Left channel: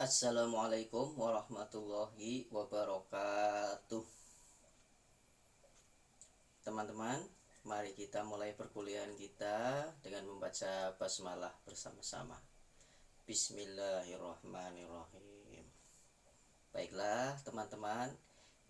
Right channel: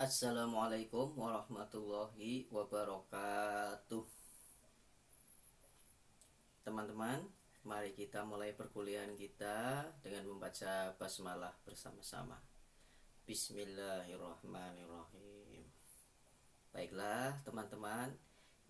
Assalamualaikum warahmatullahi wabarakatuh. Teman-teman, mari kita mulai perkuliahan kita dengan membaca basmalah bersama-sama. Bismillahirrahmanirrahim. Baiklah teman-teman,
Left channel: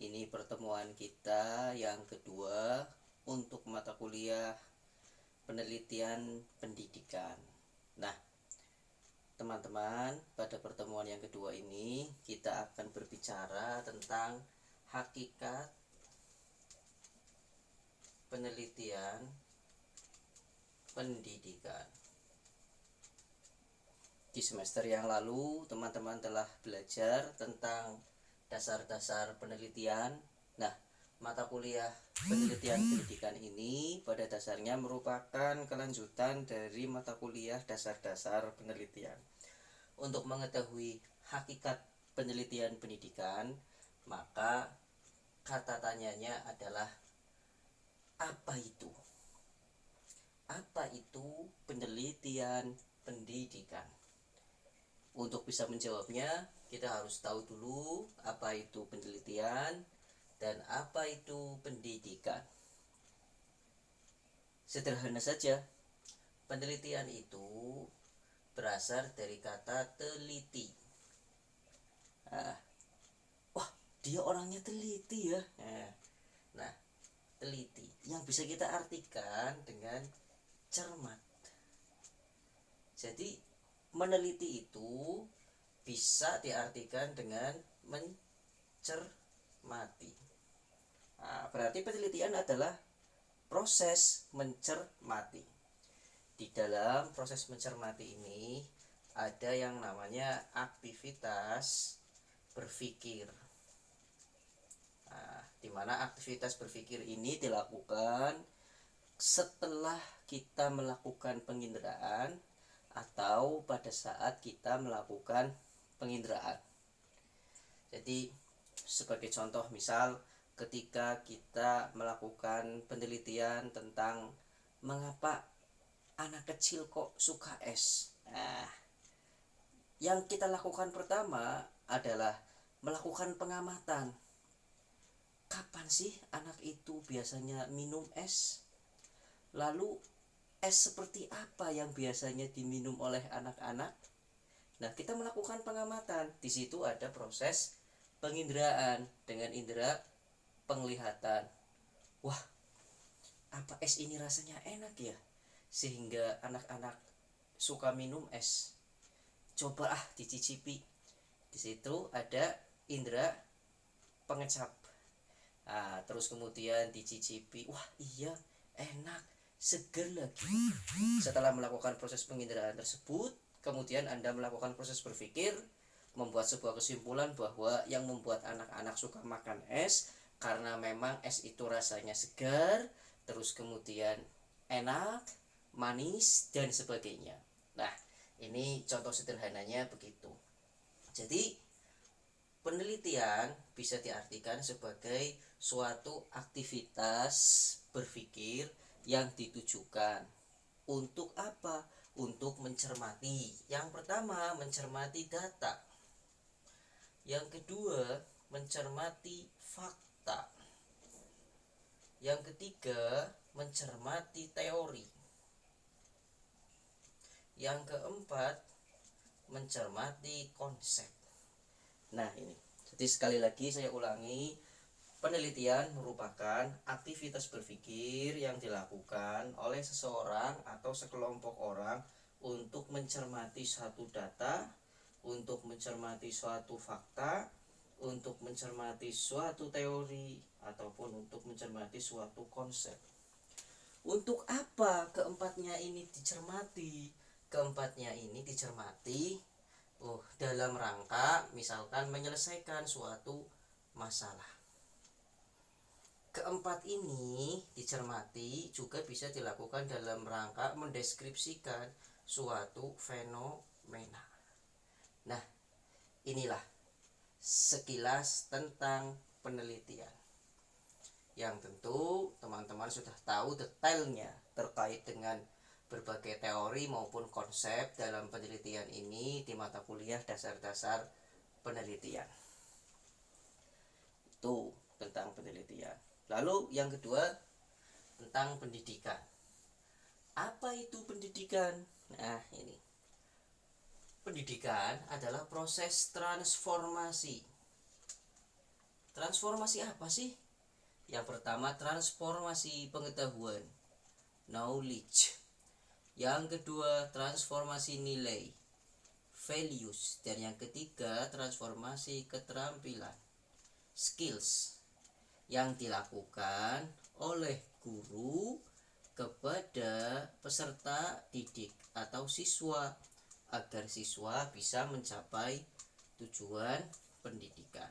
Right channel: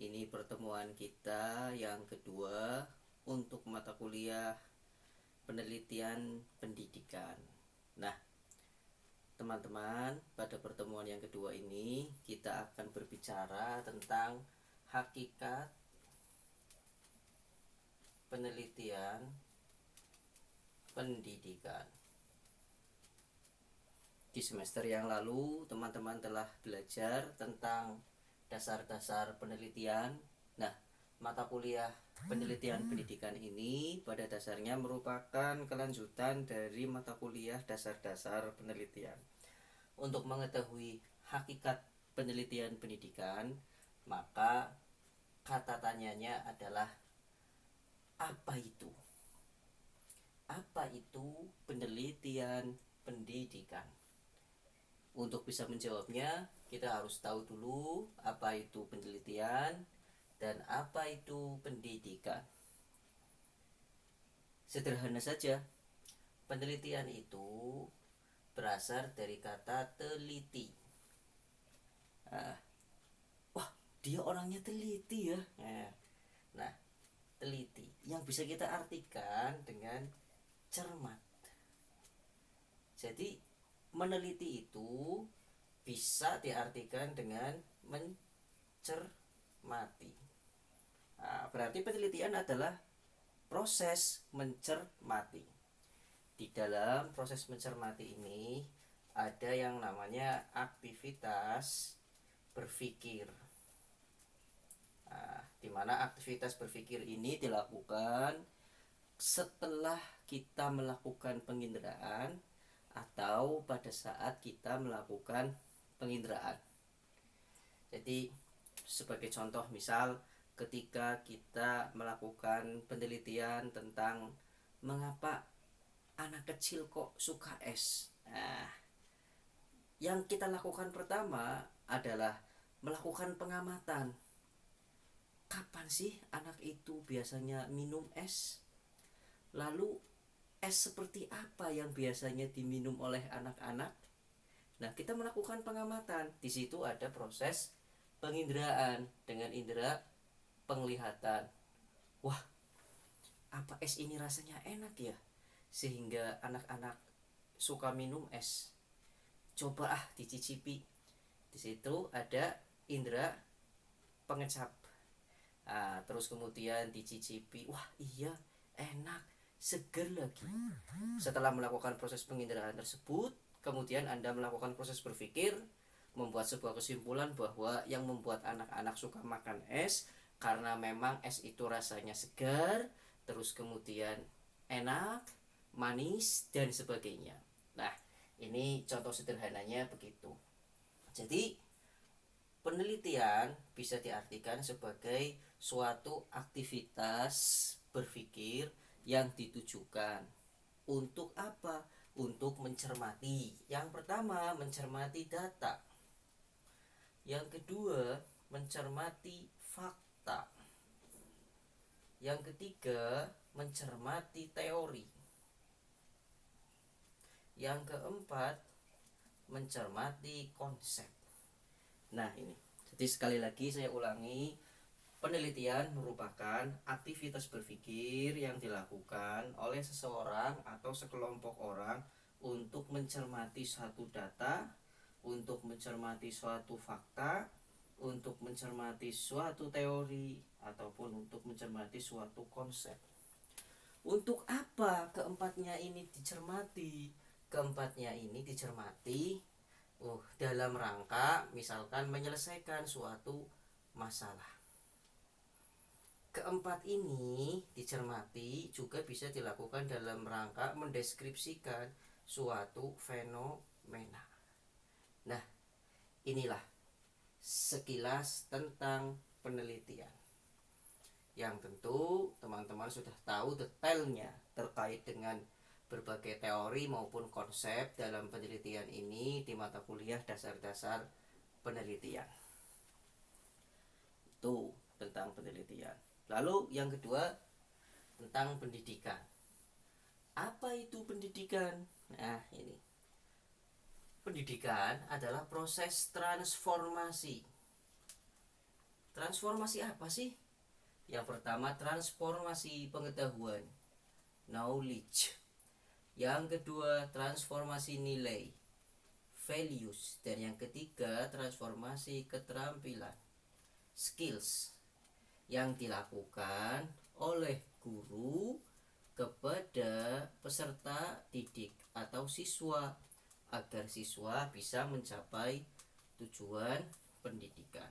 ini pertemuan kita yang kedua untuk mata kuliah penelitian pendidikan. Nah, teman-teman, pada pertemuan yang kedua ini kita akan berbicara tentang hakikat penelitian pendidikan. Di semester yang lalu teman-teman telah belajar tentang dasar-dasar penelitian. Nah, mata kuliah penelitian pendidikan ini pada dasarnya merupakan kelanjutan dari mata kuliah dasar-dasar penelitian. Untuk mengetahui hakikat penelitian pendidikan, maka kata tanyanya adalah apa itu? Apa itu penelitian pendidikan? Untuk bisa menjawabnya, kita harus tahu dulu apa itu penelitian dan apa itu pendidikan. Sederhana saja, penelitian itu berasal dari kata teliti. Wah, dia orangnya teliti ya. Nah, teliti yang bisa kita artikan dengan cermat. Jadi meneliti itu bisa diartikan dengan mencermati. Berarti penelitian adalah proses mencermati. Di dalam proses mencermati ini ada yang namanya aktivitas berpikir. Di mana aktivitas berpikir ini dilakukan setelah kita melakukan penginderaan atau pada saat kita melakukan penginderaan. Jadi sebagai contoh, misal ketika kita melakukan penelitian tentang mengapa anak kecil kok suka es. Yang kita lakukan pertama adalah melakukan pengamatan. Kapan sih anak itu biasanya minum es? Lalu es seperti apa yang biasanya diminum oleh anak-anak? Nah, kita melakukan pengamatan. Di situ ada proses penginderaan dengan indera penglihatan. Wah, apa es ini rasanya enak ya? Sehingga anak-anak suka minum es. Coba dicicipi. Di situ ada indera pengecap. Terus kemudian dicicipi. Wah, iya, enak, seger lagi. Setelah melakukan proses penginderaan tersebut, kemudian Anda melakukan proses berpikir, membuat sebuah kesimpulan bahwa yang membuat anak-anak suka makan es karena memang es itu rasanya segar, terus kemudian enak, manis, dan sebagainya. Nah, ini contoh sederhananya begitu. Jadi penelitian bisa diartikan sebagai suatu aktivitas berpikir yang ditujukan untuk apa? Untuk mencermati. Yang pertama, mencermati data. Yang kedua, mencermati fakta. Yang ketiga, mencermati teori. Yang keempat, mencermati konsep. Nah, ini. Jadi sekali lagi saya ulangi, penelitian merupakan aktivitas berpikir yang dilakukan oleh seseorang atau sekelompok orang untuk mencermati suatu data, untuk mencermati suatu fakta, untuk mencermati suatu teori, ataupun untuk mencermati suatu konsep. Untuk apa keempatnya ini dicermati? Keempatnya ini dicermati dalam rangka misalkan menyelesaikan suatu masalah. Keempat ini dicermati juga bisa dilakukan dalam rangka mendeskripsikan suatu fenomena. Nah, inilah sekilas tentang penelitian, yang tentu teman-teman sudah tahu detailnya terkait dengan berbagai teori maupun konsep dalam penelitian ini di mata kuliah dasar-dasar penelitian. Itu tentang penelitian. Lalu yang kedua tentang pendidikan. Apa itu pendidikan? Nah, ini. Pendidikan adalah proses transformasi. Transformasi apa sih? Yang pertama, transformasi pengetahuan, knowledge. Yang kedua, transformasi nilai, values. Dan yang ketiga, transformasi keterampilan, skills, yang dilakukan oleh guru kepada peserta didik atau siswa agar siswa bisa mencapai tujuan pendidikan.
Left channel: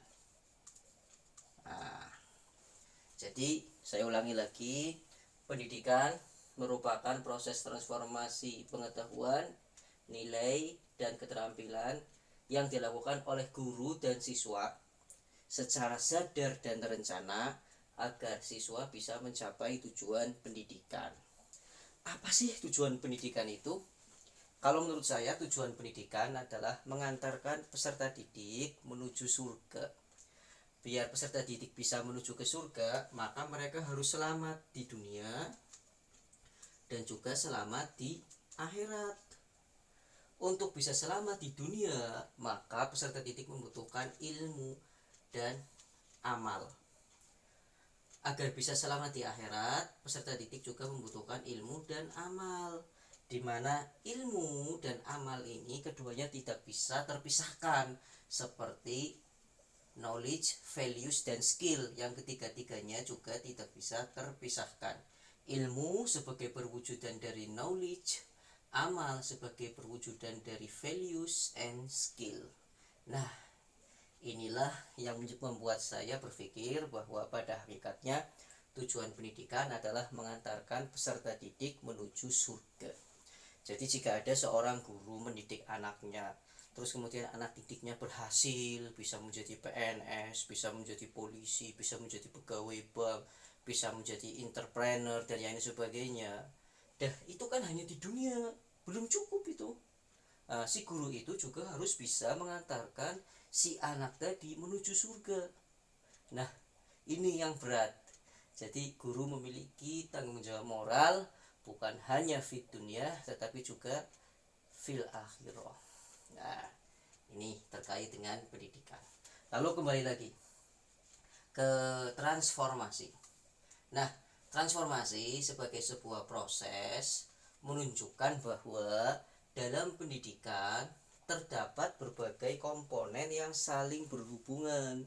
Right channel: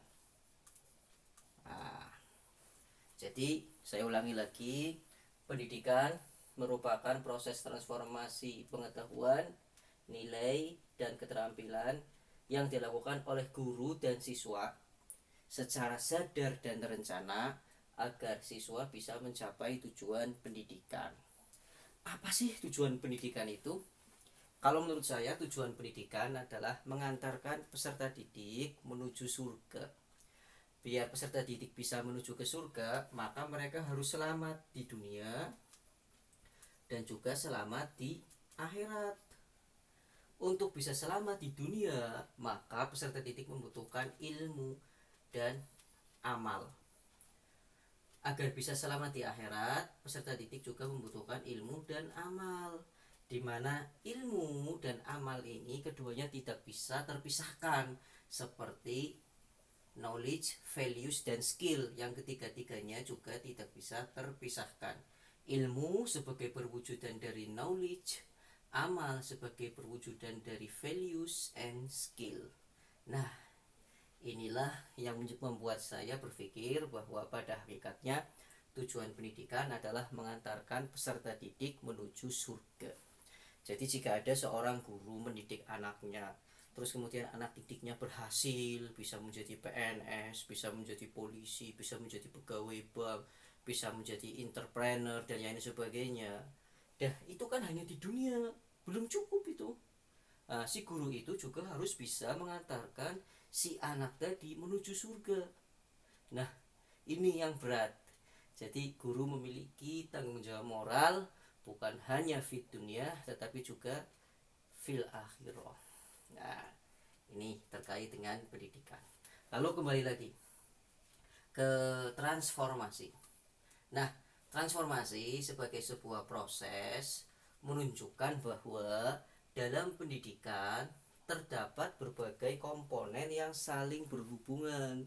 Nah, jadi saya ulangi lagi, pendidikan merupakan proses transformasi pengetahuan, nilai, dan keterampilan yang dilakukan oleh guru dan siswa secara sadar dan terencana agar siswa bisa mencapai tujuan pendidikan. Apa sih tujuan pendidikan itu? Kalau menurut saya tujuan pendidikan adalah mengantarkan peserta didik menuju surga. Biar peserta didik bisa menuju ke surga, maka mereka harus selamat di dunia dan juga selamat di akhirat. Untuk bisa selamat di dunia, maka peserta didik membutuhkan ilmu dan amal. Agar bisa selamat di akhirat, peserta didik juga membutuhkan ilmu dan amal, di mana ilmu dan amal ini keduanya tidak bisa terpisahkan, seperti knowledge, values, dan skill yang ketiga-tiganya juga tidak bisa terpisahkan. Ilmu sebagai perwujudan dari knowledge, amal sebagai perwujudan dari values and skill. Nah, inilah yang membuat saya berpikir bahwa pada hakikatnya tujuan pendidikan adalah mengantarkan peserta didik menuju surga. Jadi jika ada seorang guru mendidik anaknya, terus kemudian anak didiknya berhasil, bisa menjadi PNS, bisa menjadi polisi, bisa menjadi pegawai bank, bisa menjadi entrepreneur dan lain sebagainya. Dah, itu kan hanya di dunia, belum cukup itu. Nah, si guru itu juga harus bisa mengantarkan si anak tadi menuju surga. Nah, ini yang berat. Jadi guru memiliki tanggung jawab moral bukan hanya fit dunia tetapi juga fil akhirah. Nah, ini terkait dengan pendidikan. Lalu kembali lagi ke transformasi. Nah, transformasi sebagai sebuah proses menunjukkan bahwa dalam pendidikan terdapat berbagai komponen yang saling berhubungan.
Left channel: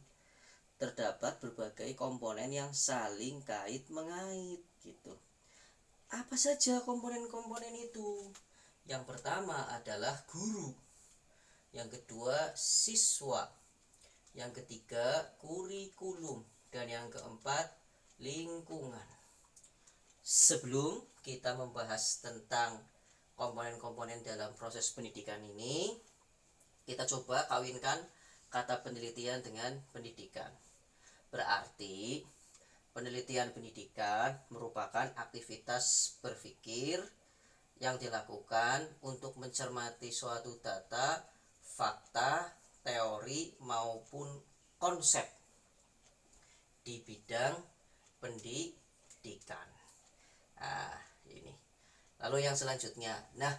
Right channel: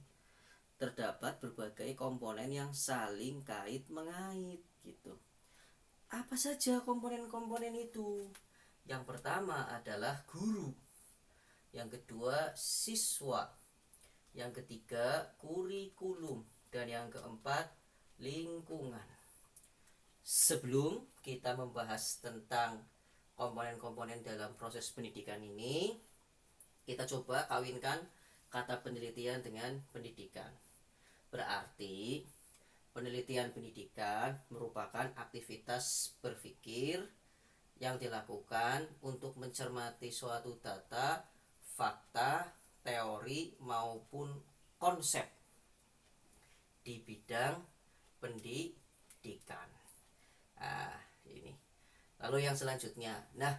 Terdapat berbagai komponen yang saling kait mengait gitu. Apa saja komponen-komponen itu? Yang pertama adalah guru. Yang kedua siswa. Yang ketiga kurikulum. Dan yang keempat lingkungan. Sebelum kita membahas tentang komponen-komponen dalam proses pendidikan ini, kita coba kawinkan kata penelitian dengan pendidikan. Berarti penelitian pendidikan merupakan aktivitas berpikir yang dilakukan untuk mencermati suatu data, fakta, teori maupun konsep di bidang pendidikan. Nah, ini. Lalu yang selanjutnya. Nah,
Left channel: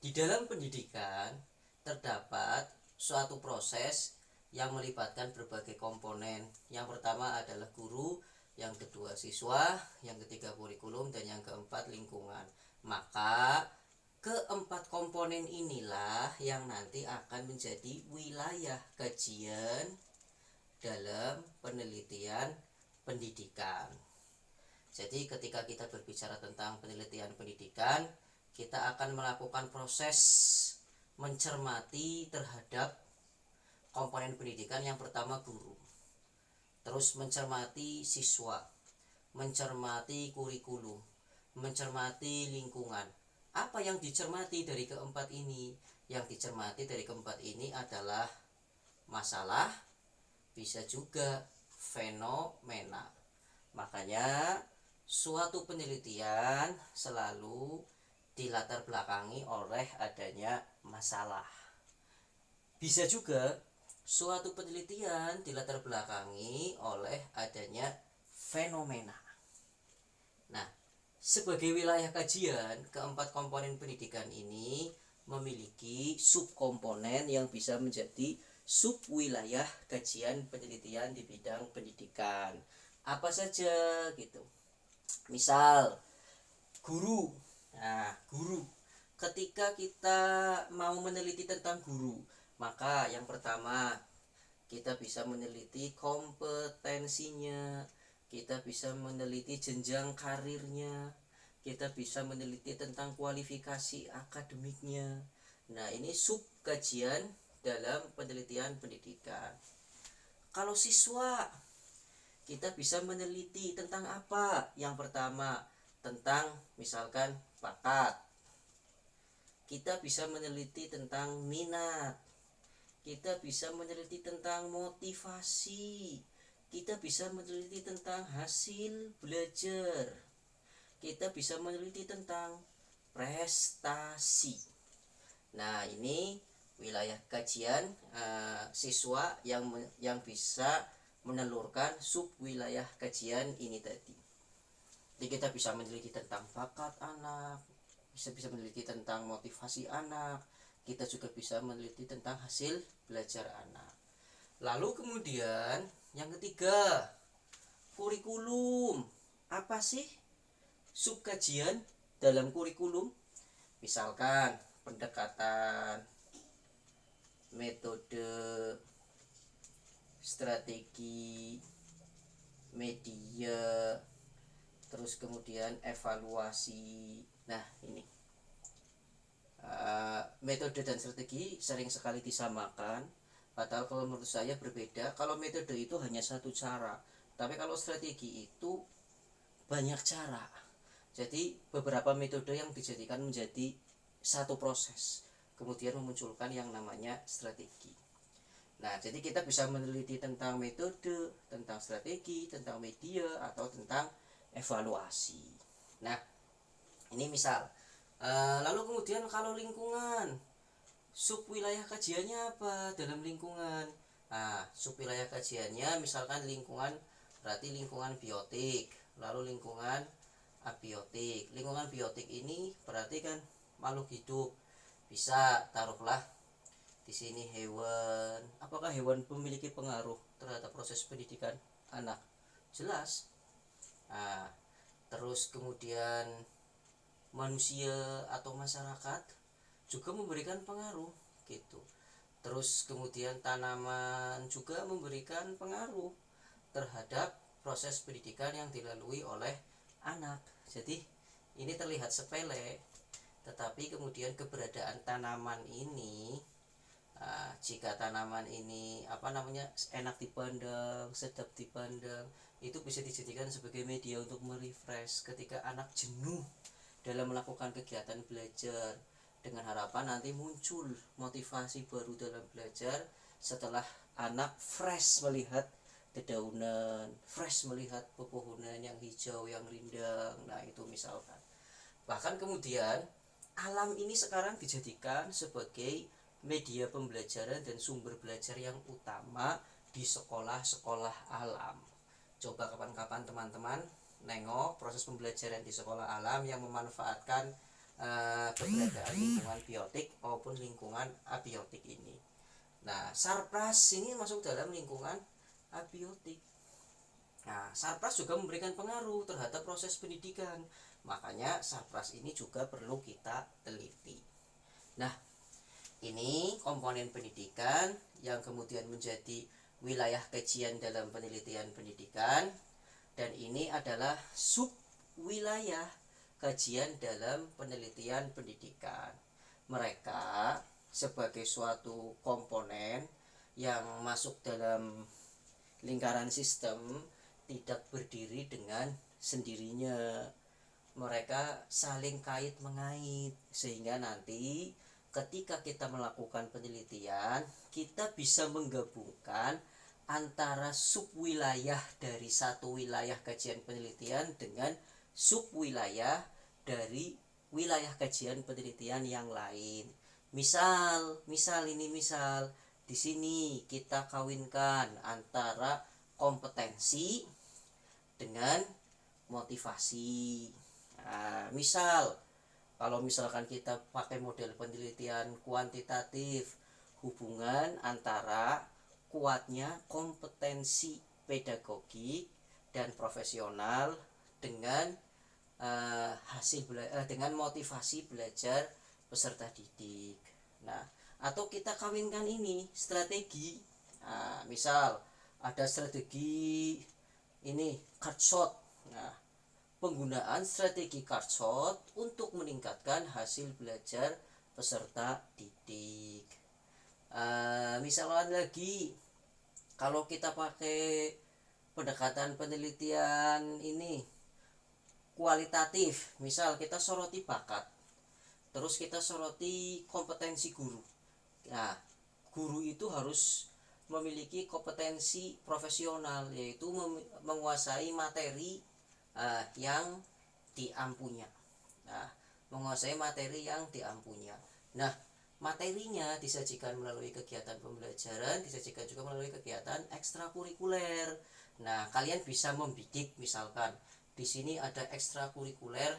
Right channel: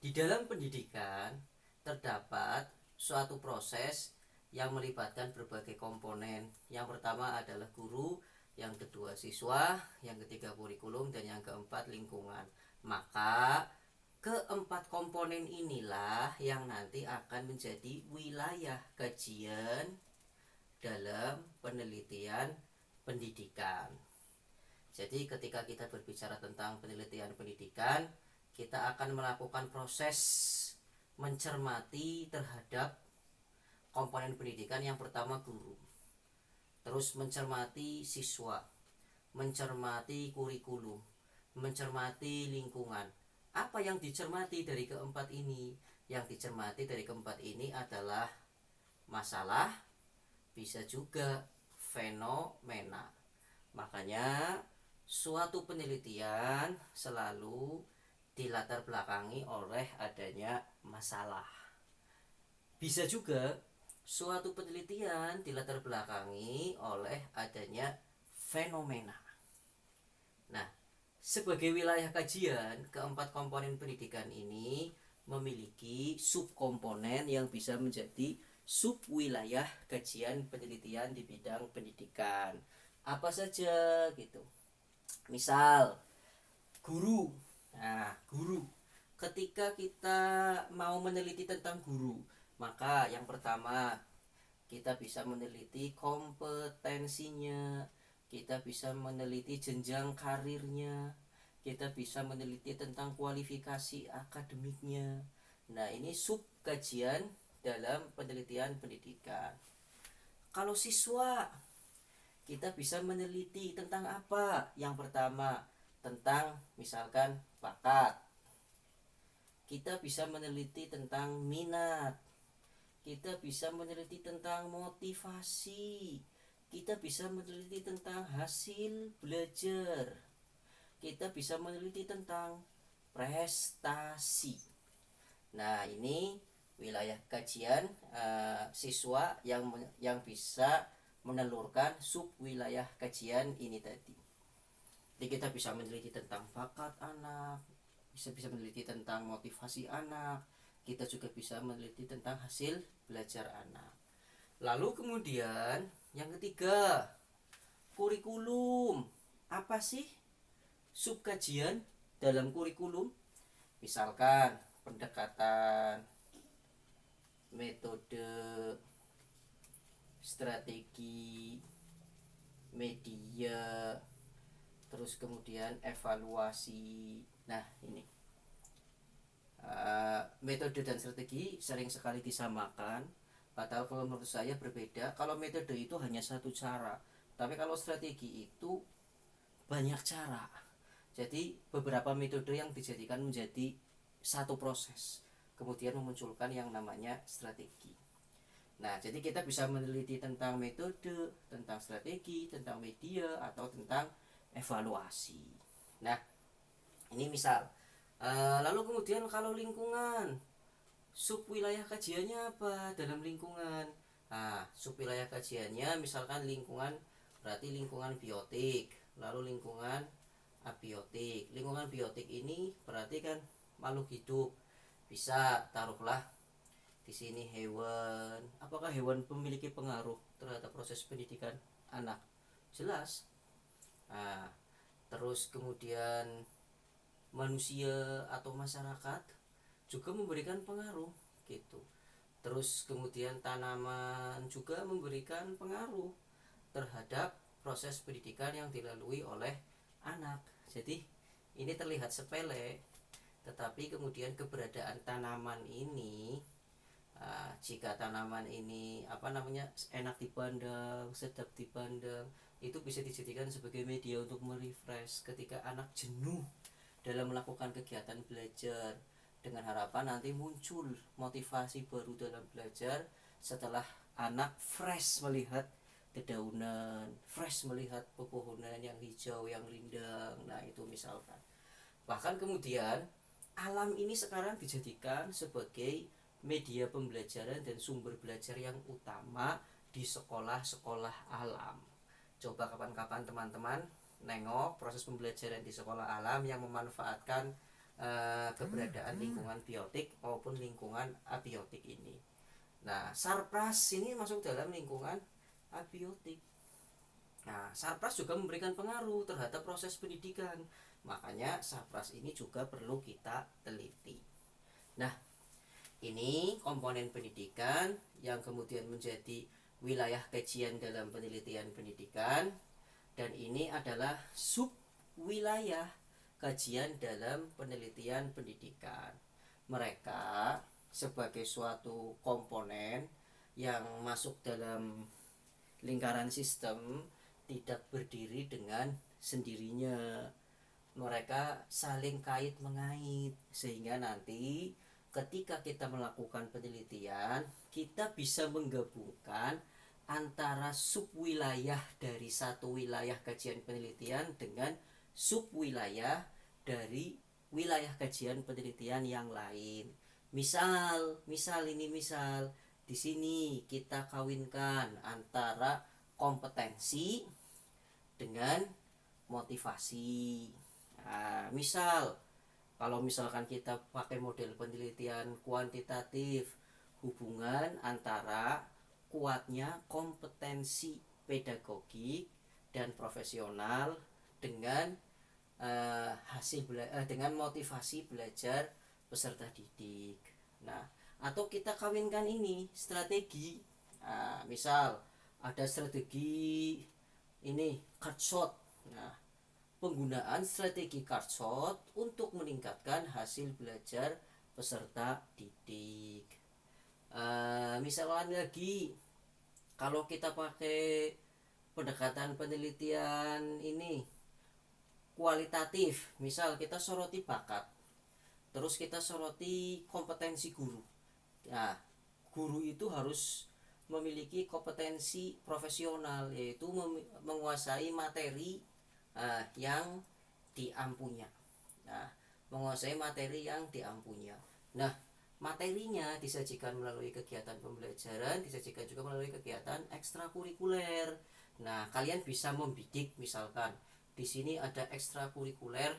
di dalam pendidikan terdapat suatu proses yang melibatkan berbagai komponen. Yang pertama adalah guru, yang kedua siswa, yang ketiga kurikulum, dan yang keempat lingkungan. Maka keempat komponen inilah yang nanti akan menjadi wilayah kajian dalam penelitian pendidikan. Jadi ketika kita berbicara tentang penelitian pendidikan, kita akan melakukan proses mencermati terhadap komponen pendidikan. Yang pertama guru, terus mencermati siswa, mencermati kurikulum, mencermati lingkungan. Apa yang dicermati dari keempat ini? Yang dicermati dari keempat ini adalah masalah, bisa juga fenomena. Makanya suatu penelitian selalu dilatar belakangi oleh adanya masalah. Bisa juga suatu penelitian dilatar belakangi oleh adanya fenomena. Nah, sebagai wilayah kajian, keempat komponen pendidikan ini memiliki subkomponen yang bisa menjadi subwilayah kajian penelitian di bidang pendidikan. Apa saja gitu. Misal, guru. Nah, guru. Ketika kita mau meneliti tentang guru, maka yang pertama kita bisa meneliti kompetensinya, kita bisa meneliti jenjang karirnya, kita bisa meneliti tentang kualifikasi akademiknya. Nah, ini sub kajian dalam penelitian pendidikan. Kalau siswa, kita bisa meneliti tentang apa? Yang pertama, tentang misalkan bakat. Kita bisa meneliti tentang minat. Kita bisa meneliti tentang motivasi. Kita bisa meneliti tentang hasil belajar. Kita bisa meneliti tentang prestasi. Nah, ini wilayah kajian siswa yang bisa menelurkan sub wilayah kajian ini tadi. Jadi kita bisa meneliti tentang bakat anak, bisa meneliti tentang motivasi anak, kita juga bisa meneliti tentang hasil belajar anak. Lalu kemudian yang ketiga, kurikulum. Apa sih subkajian dalam kurikulum? Misalkan pendekatan, metode, strategi, media, terus kemudian evaluasi. Nah, ini metode dan strategi sering sekali disamakan, padahal kalau menurut saya berbeda. Kalau metode itu hanya satu cara, tapi kalau strategi itu banyak cara. Jadi beberapa metode yang dijadikan menjadi satu proses, kemudian memunculkan yang namanya strategi. Nah, jadi kita bisa meneliti tentang metode, tentang strategi, tentang media, atau tentang evaluasi. Nah, ini misal. Lalu kemudian kalau lingkungan, sub wilayah kajiannya apa dalam lingkungan? Nah, sub wilayah kajiannya misalkan lingkungan, berarti lingkungan biotik, lalu lingkungan abiotik. Lingkungan biotik ini berarti kan makhluk hidup. Bisa taruhlah di sini hewan. Apakah hewan memiliki pengaruh terhadap proses pendidikan anak? Jelas. Nah, terus kemudian manusia atau masyarakat juga memberikan pengaruh gitu. Terus kemudian tanaman juga memberikan pengaruh terhadap proses pendidikan yang dilalui oleh anak. Jadi ini terlihat sepele, tetapi kemudian keberadaan tanaman ini, jika tanaman ini enak dipandang, sedap dipandang, itu bisa dijadikan sebagai media untuk merefresh ketika anak jenuh dalam melakukan kegiatan belajar, dengan harapan nanti muncul motivasi baru dalam belajar setelah anak fresh melihat dedaunan, fresh melihat pepohonan yang hijau, yang rindang. Nah, itu misalkan. Bahkan kemudian alam ini sekarang dijadikan sebagai media pembelajaran dan sumber belajar yang utama di sekolah-sekolah alam. Coba kapan-kapan teman-teman nengok proses pembelajaran di sekolah alam yang memanfaatkan keberadaan lingkungan biotik maupun lingkungan abiotik ini. Nah, sarpras ini masuk dalam lingkungan abiotik. Nah, sarpras juga memberikan pengaruh terhadap proses pendidikan. Makanya sarpras ini juga perlu kita teliti. Nah, ini komponen pendidikan yang kemudian menjadi wilayah kajian dalam penelitian pendidikan, dan ini adalah sub wilayah kajian dalam penelitian pendidikan. Mereka sebagai suatu komponen yang masuk dalam lingkaran sistem tidak berdiri dengan sendirinya. Mereka saling kait mengait sehingga nanti ketika kita melakukan penelitian, kita bisa menggabungkan antara subwilayah dari satu wilayah kajian penelitian dengan subwilayah dari wilayah kajian penelitian yang lain. Misal di sini kita kawinkan antara kompetensi dengan motivasi. Nah, kalau misalkan kita pakai model penelitian kuantitatif, hubungan antara kuatnya kompetensi pedagogik dan profesional dengan dengan motivasi belajar peserta didik. Nah, atau kita kawinkan ini strategi. Nah, misal ada strategi ini card shot. Nah, penggunaan strategi card shot untuk meningkatkan hasil belajar peserta didik. Misalnya lagi kalau kita pakai pendekatan penelitian ini kualitatif, misal kita soroti bakat, terus kita soroti kompetensi guru. Nah, guru itu harus memiliki kompetensi profesional, yaitu menguasai materi yang diampunya. Nah, materinya disajikan melalui kegiatan pembelajaran, disajikan juga melalui kegiatan ekstrakurikuler. Nah, kalian bisa membidik, misalkan di sini ada ekstrakurikuler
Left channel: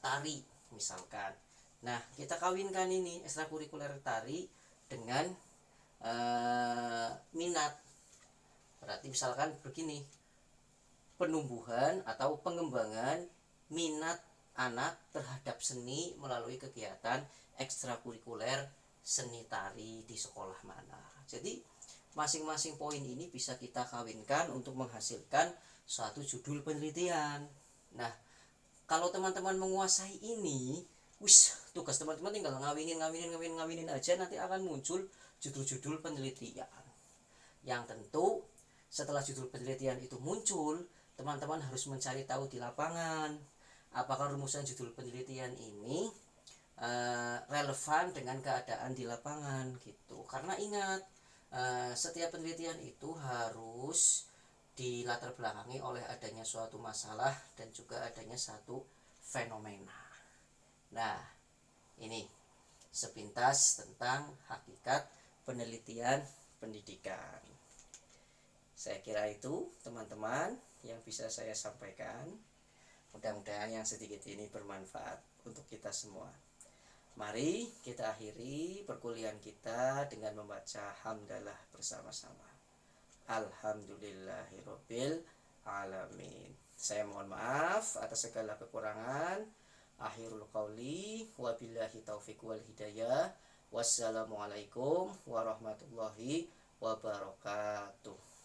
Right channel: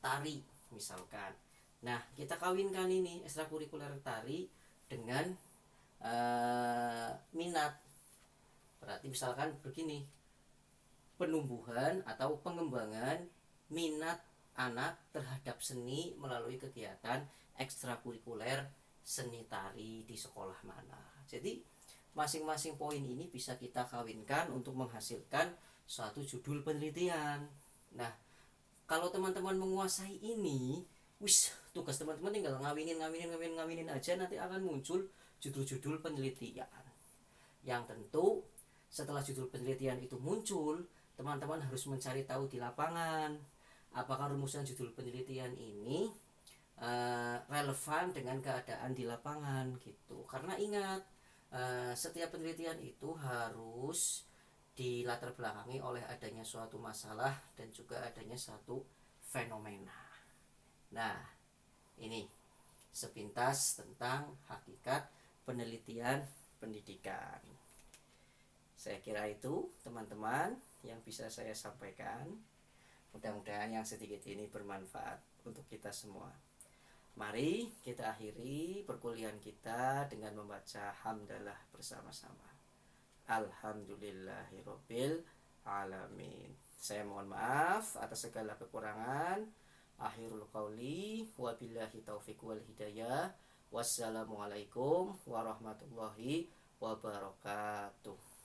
tari misalkan. Nah, kita kawinkan ini ekstrakurikuler tari dengan minat. Berarti misalkan begini, penumbuhan atau pengembangan minat anak terhadap seni melalui kegiatan ekstrakurikuler seni tari di sekolah mana. Jadi masing-masing poin ini bisa kita kawinkan untuk menghasilkan suatu judul penelitian. Nah, kalau teman-teman menguasai ini, tugas teman-teman tinggal ngawinin aja, nanti akan muncul judul-judul penelitian. Yang tentu setelah judul penelitian itu muncul, teman-teman harus mencari tahu di lapangan apakah rumusan judul penelitian ini relevan dengan keadaan di lapangan gitu. Karena ingat, setiap penelitian itu harus dilatar belakangi oleh adanya suatu masalah dan juga adanya satu fenomena. Nah, ini sepintas tentang hakikat penelitian pendidikan. Saya kira itu teman-teman yang bisa saya sampaikan. Mudah-mudahan yang sedikit ini bermanfaat untuk kita semua. Mari kita akhiri perkuliahan kita dengan membaca hamdalah bersama-sama. Alhamdulillahirabbil alamin. Saya mohon maaf atas segala kekurangan. Akhirul qauli wabillahi taufiq wal hidayah. Wassalamualaikum warahmatullahi wabarakatuh.